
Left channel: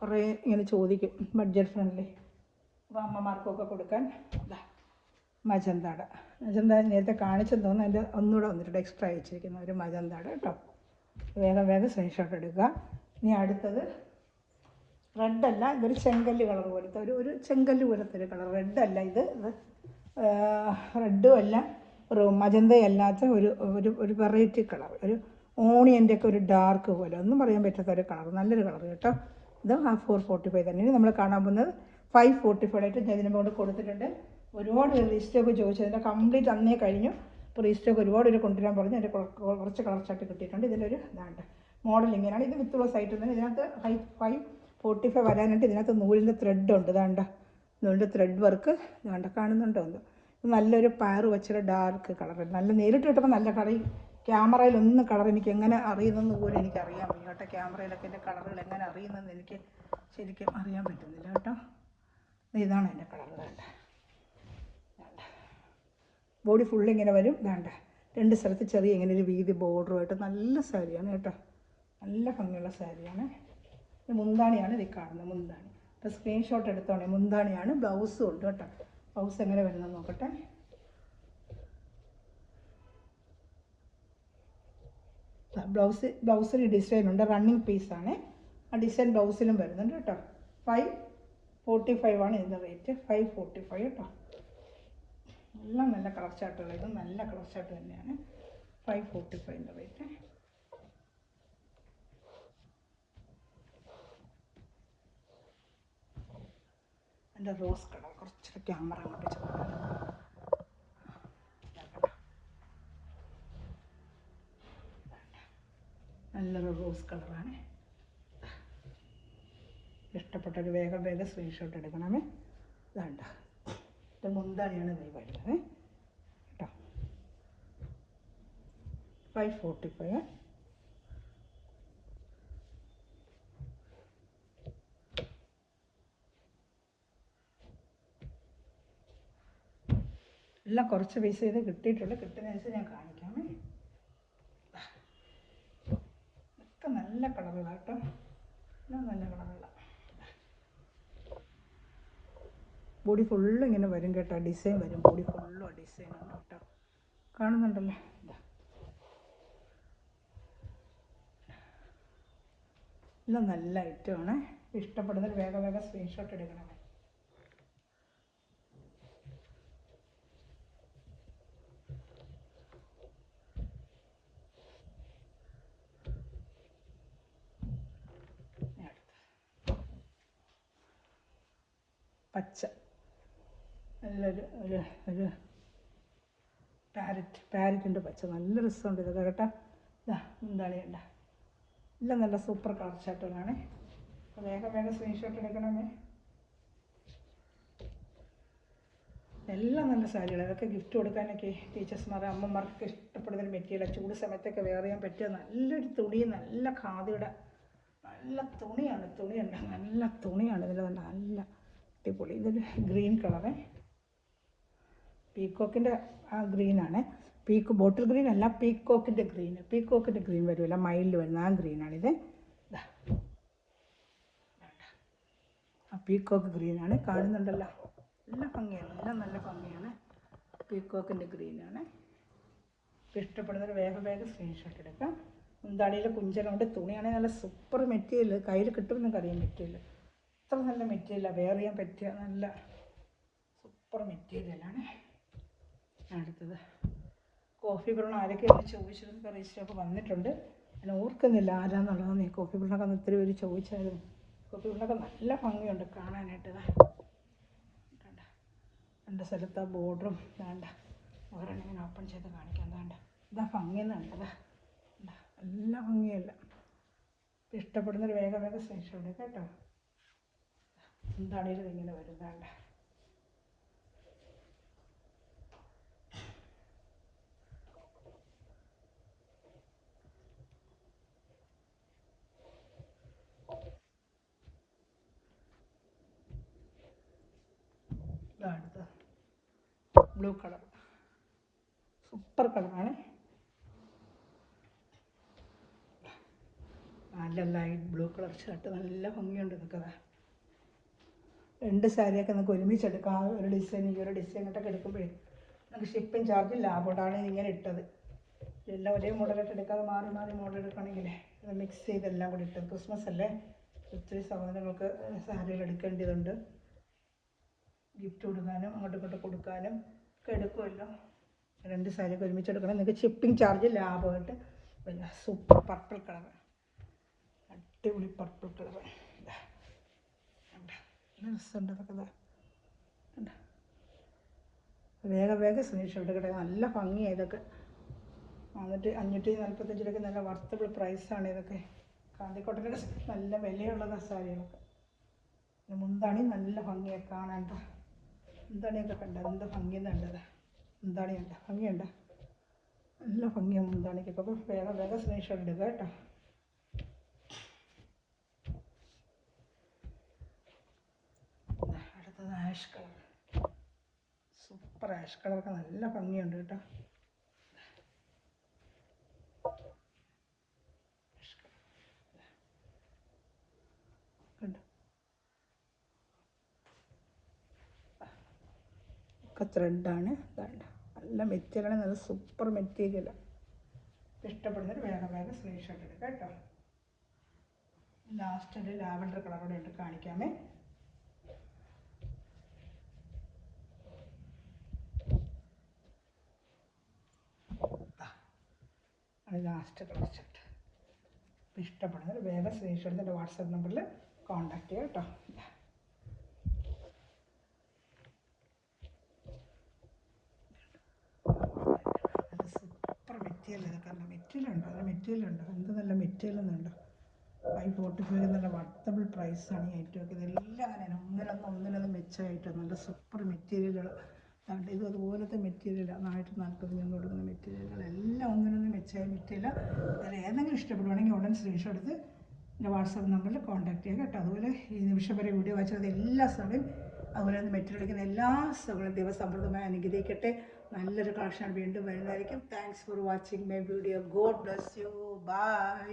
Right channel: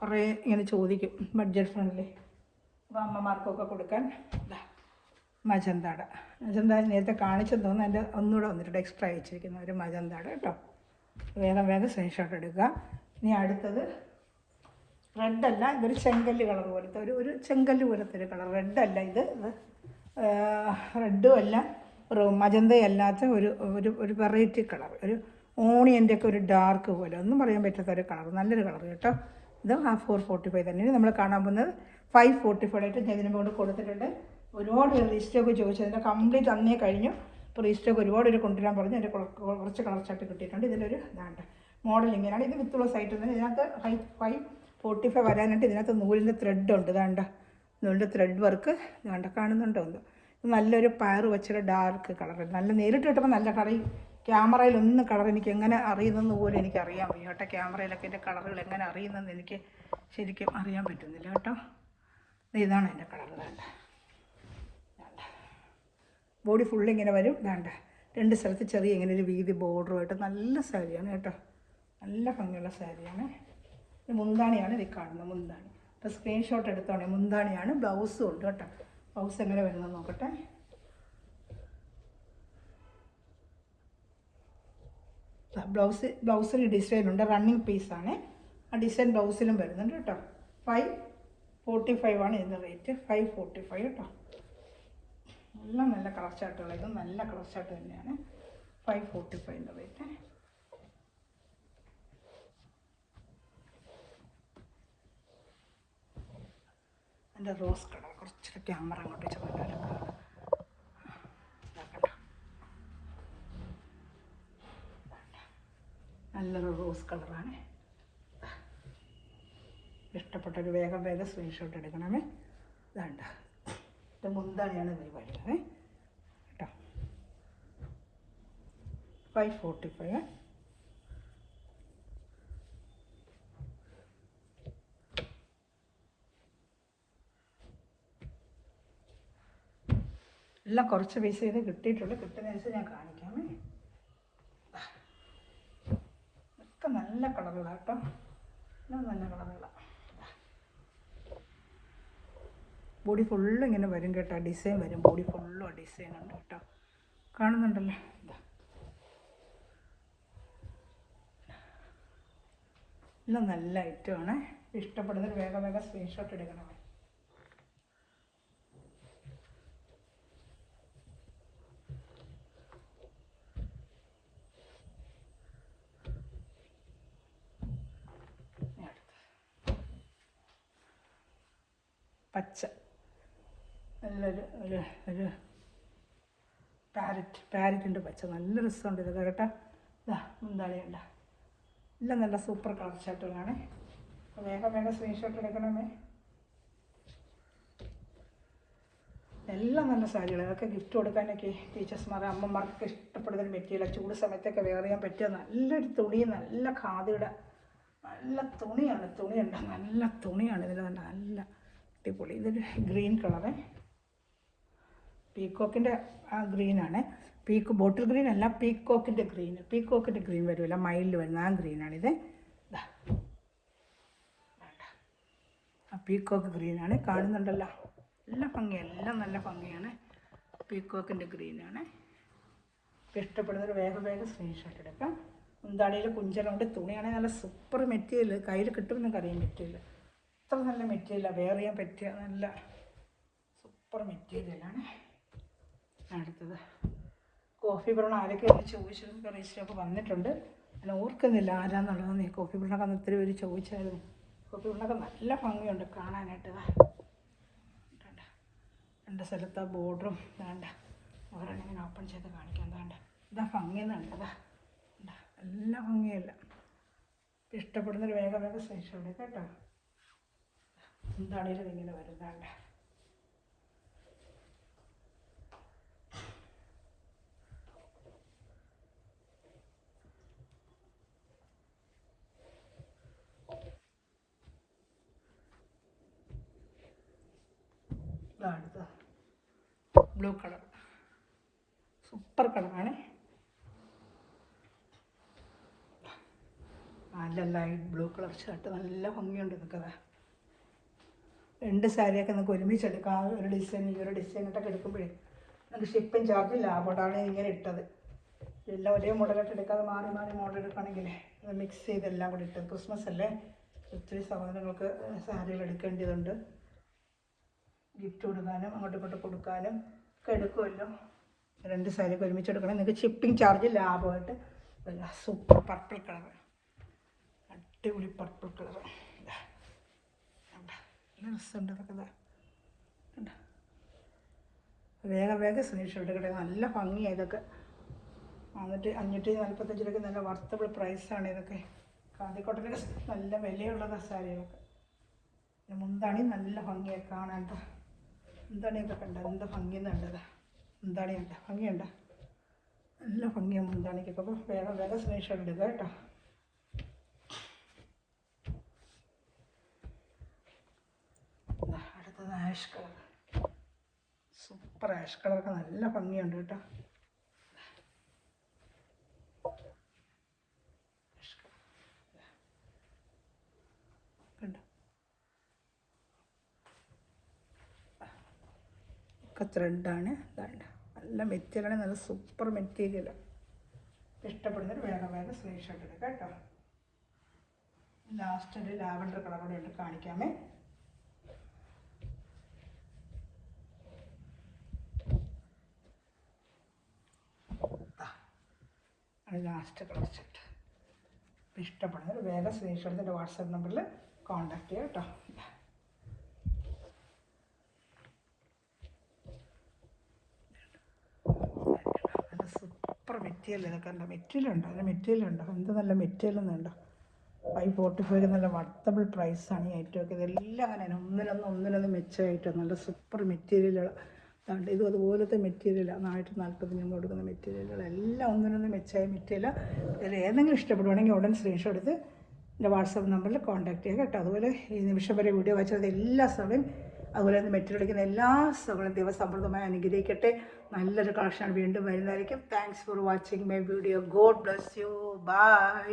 കുറേ ഇങ്ങനെ ചോദിക്കും, ബഡ്ജറ്റ് ഫ്രണ്ട്ലി അമ്മമാർക്കൊക്കെ കൊടുക്കാൻ. മജന്താട നേരത്തെ കാണിച്ചെന്ന് തോന്നുന്നു, അതിൻ്റെ ഒന്നുകൂടെ വന്നിട്ടുണ്ട് എക്സ്ട്രാ അയച്ചിരിക്കുന്ന ഒരു മജന്താട കേട്ടോ. വേഗം സ്ക്രീൻഷോട്ട് എടുക്കുക. ഇനി അടുത്തത് റെഡല്ല, ഇതൊരു ചെങ്കല്ല് കളർ പോലത്തെ ഒരു ചെങ്കല്ല് പോലത്തെ ഒരു കളർ. റെഡല്ല ഇത്, റെഡും അല്ല, ഒരു മജന്തയല്ലാത്ത ഒരു വെറൈറ്റി കളർ, ഒരു ഓണിയൻ്റെ ഒക്കെ ഒരു ഡാർക്ക് പോലെ, ഒന്നും പറയാൻ പറ്റാത്ത ഒരു കളർ, നല്ലൊരു കളർ കേട്ടോ. ഇത് 445 തന്നെയാണ്. നമ്മൾ കാണാൻ പോകുന്നത് 545 ആയിട്ട് ഇതിന് കൊണ്ട് കൊടുത്തിട്ടുണ്ട്. ഒരുപാട് റീസ്റ്റോക്ക് ചോദിച്ചതിൻ്റെ കംപ്ലീറ്റ് അന്നേ കഴിഞ്ഞു. ഇപ്പോൾ റീസ്റ്റോക്ക് ഒരുപാട് കൊണ്ടുവരാൻ പറഞ്ഞു. അതിൻ്റെ കുറച്ച് കളർ ചാർട്ട് കിട്ടിയിട്ടുണ്ട്. ഇതിലൊരു ഇതാണ്ട് മോഡൽ ഇങ്ങനെയാണ്. ഇത് വിത്ത് പ്ലസ് ആയിട്ട് തന്നെ. ഇതിനകത്ത് 545 വരാനായിട്ട് ഇതിനകത്ത് നൂലിൻ്റെ ത്രെഡ് ഉണ്ട്. ഇതാണ്ട നൂലിൻ്റെ ത്രെഡ് വർക്ക് ഇതാണ്ട, കാണുന്നുണ്ടോ ഒന്ന്. നല്ലൊരു പയർ വെച്ചൊരു ഡാർക്ക് കളർ, നല്ല നേരിട്ട് കിട്ടുമ്പോൾ നല്ല കളർ. ക്യാമറയിലൊന്നും കളർ എനിക്ക് എങ്ങനെ അറിയുന്നെന്ന് പോലും എനിക്ക് അറിയാൻ വയ്യ കേട്ടോ. ക്യാമറയിലൊക്കെ എൻ്റെ കളറുകൾ എങ്ങനെ അറിയുന്നതെന്ന് എനിക്ക് ശരിക്കും അറിയാൻ പറ്റുന്നില്ല കേട്ടോ. ഇതാണ് എൻ്റെ കളർ. വേണ്ട ബോഡി ഫുള്ളിങ്ങനെ വരും. വേണ്ട 2 സ്ഥലത്ത് ചെറിയ ഇങ്ങനെ ഒരു വീതി ബോർഡറുമായിട്ട് നല്ല സാരിയാണ് കേട്ടോ. നല്ല ഭംഗിയുള്ള സാരിയാണ്. മുന്താണിയാണ് ഇത് കാണുന്നത്, മുന്താണി. അപ്പോൾ സ്ക്രീൻഷോട്ട് എടുത്തോണേ. മുന്താണിയാണ്, ബ്ലൗസും ഉണ്ട് കേട്ടോ. ബ്ലൗസ് എങ്ങനെ വരുന്നത് നോക്കട്ടെ. ബ്ലൗസിന് ഡിസൈനുണ്ട്, റണ്ണിങ് പീസാണ്. ആ ഡിസൈൻ ബ്ലൗസിലും വരുന്നുണ്ട് കേട്ടോ. 545 ആണ് ഇതിൻ്റെ റേറ്റ്. 545 കേട്ടോ. എല്ലാം നല്ല കളർ ചാർട്ടുകൾ, ഇത് നല്ല കളർ ചാർട്ട് തന്നെയാണ്. 545 റേറ്റ്. എൻ്റെ റോസ് കളർ കുറച്ചൊക്കെ ക്യാമറ അങ്ങോട്ട് ചെറുതായിരുന്നു. നല്ലൊരു റോസ് കളറാണ്. ഇഷ്ടപ്പെട്ടൊരു വേഗം സ്ക്രീൻഷോട്ട് എടുക്കണമേ. വേണ്ട, ഇത് മുന്താണിയാണ് ഇത് വരുന്നത് കേട്ടോ. 545. എല്ലാം കുറച്ച് പൈസ ചെയ്ത് കിട്ടിയിട്ടുള്ളൂ. കിട്ടുന്നതനുസരിച്ച് ഞാൻ കാണിക്കാമേ. ഒക്കെ നല്ല കളറുകളാണ് കേട്ടോ. എല്ലാം നല്ല കളറുകളാണ്. ബോഡി ഫുള്ള് ഇങ്ങനെ വരും കേട്ടോ. ഡിസൈൻ വരും, ബോഡി ഫുള്ളും ആ ഡിസൈൻ ഉണ്ട് കേട്ടോ. കാണുന്നുണ്ടല്ലോ. എല്ലാം നല്ല ഐറ്റമാണ്. ഇഷ്ടപ്പെടുന്നത് വേഗം സ്ക്രീൻഷോട്ട് എടുക്കണം. പച്ച നല്ലൊരു ഒരു പാരറ്റിൻ്റെ പച്ച നല്ല രസമുണ്ട് ഇതൊക്കെ കേട്ടോ. ഇതാ മുന്താണിയുണ്ട്. എല്ലാം നല്ല സൂപ്പർ കളർ ഷർട്ടുകളാണ്. വേഗം സ്ക്രീൻഷോട്ട് എടുക്കണമേ. എല്ലാം നല്ല സാരികൾ. അതൊക്കെ ഗിഫ്റ്റ് കൊടുക്കാനൊക്കെ ടീച്ചേഴ്സ്മാർ അമ്മമാർക്കൊക്കെ ഇഷ്ടപ്പെടുന്ന മെറ്റീരിയൽ. ചൂട് സമയത്തൊക്കെ വെയർ ചെയ്യാൻ പറ്റിയ നല്ലൊരു തുണി, നല്ല ഖാദിയുടെ നല്ല തുണിയാണ്. തുണിയുണ്ട്, നല്ല തുണിയാണ് ഇതിൽ തന്നെ. നല്ല അടിപൊളി. ഇതൊരു ഗ്രീൻ കളറ്, പീക്കോക്കിൻ്റെ ആ ഗ്രീനാണ്. ബോട്ടിൽ ഗ്രീൻ അല്ല, പീക്കോക്കിൻ്റെ ഗ്രീൻ വരുമല്ല, മൈൽഡ് വരുന്ന ആ ഗ്രീനാണിത്. ആ പീക്കോക്ക് ഗ്രീനാണ്. കാണുന്നുണ്ടല്ലോ, നല്ല ഭംഗിയാണ്. എല്ലാം നല്ല ഭംഗിയാണ്. പീക്കോക്കിൻ്റെ ഗ്രീനാണ്. ഇഷ്ടപ്പെടുന്നൊരു വേഗം സ്ക്രീൻഷോട്ട് എടുക്കാം. മുന്താണിയിൽ കുഞ്ചലുണ്ട്. തുണിയാണെങ്കിൽ നല്ല സൂപ്പർ മെറ്റീരിയൽ. കയ്യിൽ കിട്ടുമെന്ന് അറിയാം മെറ്റീരിയൽ. അത്ര നല്ല മെറ്റീരിയലാണ്. വെയർ ചെയ്യാൻ പറ്റിയ നല്ല സൂപ്പർ മെറ്റീരിയലാണ്. അടുത്തത് കോഫി ബ്രൗൺ. ആരൊക്കെ ഒന്ന് ചോദിച്ചതും റീസ്റ്റൊക്കെ വന്നിട്ടുണ്ട്. ഞാൻ ഓർക്കുന്നില്ല ആരാന്നുള്ളത്. ഈ കോഫി ബ്രൗണൊക്കെ അന്ന് ഒത്തിരി പേര് ചോദിച്ചായിരുന്നു. കോഫി ബ്രൗണൊക്കെ നല്ല ഭംഗിയുണ്ട് കാണാനായിട്ട്. രണ്ട് സ്ഥലത്ത് ബോർഡറും വേണ്ട. ഓരോന്നിങ്ങനെ ഓപ്പൺ ചെയ്ത് കാണിക്കാൻ വേണ്ട. ഇതാ ഭംഗിയെന്നുണ്ടതാ. നല്ല ഭംഗിയല്ല. ഇഷ്ടപ്പെടുന്നൊരു വേഗം സ്ക്രീൻഷോട്ട് എടുക്കാം കേട്ടോ. എന്താണേലും ഇങ്ങനെ വരുന്നതാണ്. അടുത്ത ബ്ലൂ കളർ, സൂപ്പർ കളറാണ്. നല്ല ലൈറ്റ് ബ്ലൂ കളർ ഷർട്ട്. നല്ല ഭംഗിയുണ്ട് ഇതൊക്കെ. രണ്ട് സാരിയൊക്കെ നമുക്ക് ഒരുമിച്ചെടുക്കാം. ഒരു ഡിസൈൻ, ഈ ഒരു ഡിസൈനായിട്ടൊക്കെ എടുക്കുമ്പോഴേ നമുക്ക് ഷിപ്പിംഗ് ചാർജ് ലാഭമാണ് ഇങ്ങനെ ഇട്ടത്. എല്ലാം ഒരേ മോഡലായിട്ട് എടുക്കാതെ മാറി മോഡൽ എടുക്കുകയാണെങ്കിൽ അത് മിക്സ് ചെയ്തെല്ലാം കൂടി ഇട്ട്. ക്രിസ്മസ് അല്ലേ, ഒത്തിരി സാധനങ്ങൾക്ക് സാരികൾ എടുക്കേണ്ടതുണ്ട്. ഗിഫ്റ്റ് കൊടുക്കാനും അങ്ങോട്ടും ഇങ്ങോട്ട് കൊടുക്കാനും ഒക്കെ എടുക്കുമല്ലോ. രണ്ട് സാരിയൊക്കെ ഒരുമിച്ചെടുക്കണം. നിങ്ങൾക്ക് ഷിപ്പിംഗ് ചാർജ് ലാഭമായിട്ട്. സൂപ്പർ പർപ്പിൾ കളർ, അടിപൊളി പർപ്പിൾ കളർ. രസമുണ്ട് അതൊക്കെ. വേഗം സ്ക്രീൻഷോട്ട് കിട്ടുക. നല്ല ഭംഗിയാണ് ഇതൊക്കെ. 545 രൂപയ്ക്ക് നല്ല വർത്തബിൾ പ്രൈസാണ് ഇതൊക്കെ. കാതിക്കോട്ടൊക്കെ നല്ല വിലയുള്ളത് സാരിയൊക്കെ. മുന്താണി നല്ല ഭംഗിയൊക്കെ കാണാൻ. മുന്താണിയൊക്കെ കണ്ട എന്ത് ഭംഗിയെന്നുണ്ടത്. മുന്താണിയുണ്ട്, ഭംഗിയുണ്ട്. നല്ല ഭംഗിയാണ് മുന്താണിക്കൊക്കെ. അപ്പോൾ വേഗം സ്ക്രീൻഷോട്ട് എടുക്കുക കേട്ടോ. അടുത്തത് ആഷ് കളർ, സൂപ്പർ ആഷ് കളറൊക്കെ നല്ല ഭംഗിയുണ്ട് കേട്ടോ. ഒക്കെ ത്രെഡാണ്. നല്ല മെറ്റീരിയൽ, നല്ല സൂപ്പർ മെറ്റീരിയൽ. ഇഷ്ടപ്പെടുന്നൊരു വേഗം വേഗം സ്ക്രീൻഷോട്ട് എടുക്കുക കേട്ടോ. ലാസ്റ്റ് ഒരു ലാവൻഡർ കളർ കൂടെ ഇട്ട് കാണിക്കാമേ. ലാസ്റ്റ് കളർ സെറ്റ് ഇഷ്ടപ്പെടുന്നത് വേഗം സ്ക്രീൻഷോട്ട് എൻ്റെ വാട്സാപ്പ് നമ്പറിൽ കോൺടാക്ട് ചെയ്യാം കേട്ടോ. സൂപ്പർ മെറ്റീരിയൽ ഇതൊക്കെ ഉണ്ടോ, മെറ്റീരിയലുണ്ടോ, അതിന് മെറ്റീരിയലുണ്ടോ, എന്ത് നല്ല മെറ്റീരിയൽ എന്നുണ്ടോ. 545 നല്ല വർത്തബിൾ പ്രൈസാണ് ഈ ഐറ്റമൊക്കെ. ഇതെല്ലാം അങ്ങനെയാണ്, ഒന്നിനൊന്ന് മെച്ചമായിട്ട് നല്ല സൂപ്പർ മെറ്റീരിയലുകൾ. ഇതും അതുപോലത്തെ മെറ്റീരിയലാണ്. 140 ഞങ്ങൾ കൊടുക്കുന്ന മെറ്റീരിയലുകളെല്ലാം ഒന്നിനൊന്ന് മെച്ചമായ മെറ്റീരിയൽ. ഇതിൽ ഏതെങ്കിലും ഇഷ്ടപ്പെടുവാണെങ്കിൽ ഉടൻ സ്ക്രീൻഷോട്ട് എടുത്ത് എൻ്റെ വാട്സാപ്പ് നമ്പറിൽ കോൺടാക്ട് ചെയ്യുക കേട്ടോ. അതുപോലെ ഈ നിമിഷം വരെ വീഡിയോ വായിച്ചത് എല്ലാ സ്ഥലവും അതുപോലെ തന്നെ മെറ്റീരിയൽ എടുക്കുന്ന എല്ലാ സ്ഥലങ്ങളും ദൈവസമൃദ്ധമായി അനുഗ്രഹിക്കട്ടെ. നല്ലൊരു കളക്ഷനാണ് വീണ്ടും വരുന്നതായിരിക്കും. Thanks for watching my video. God bless you. By.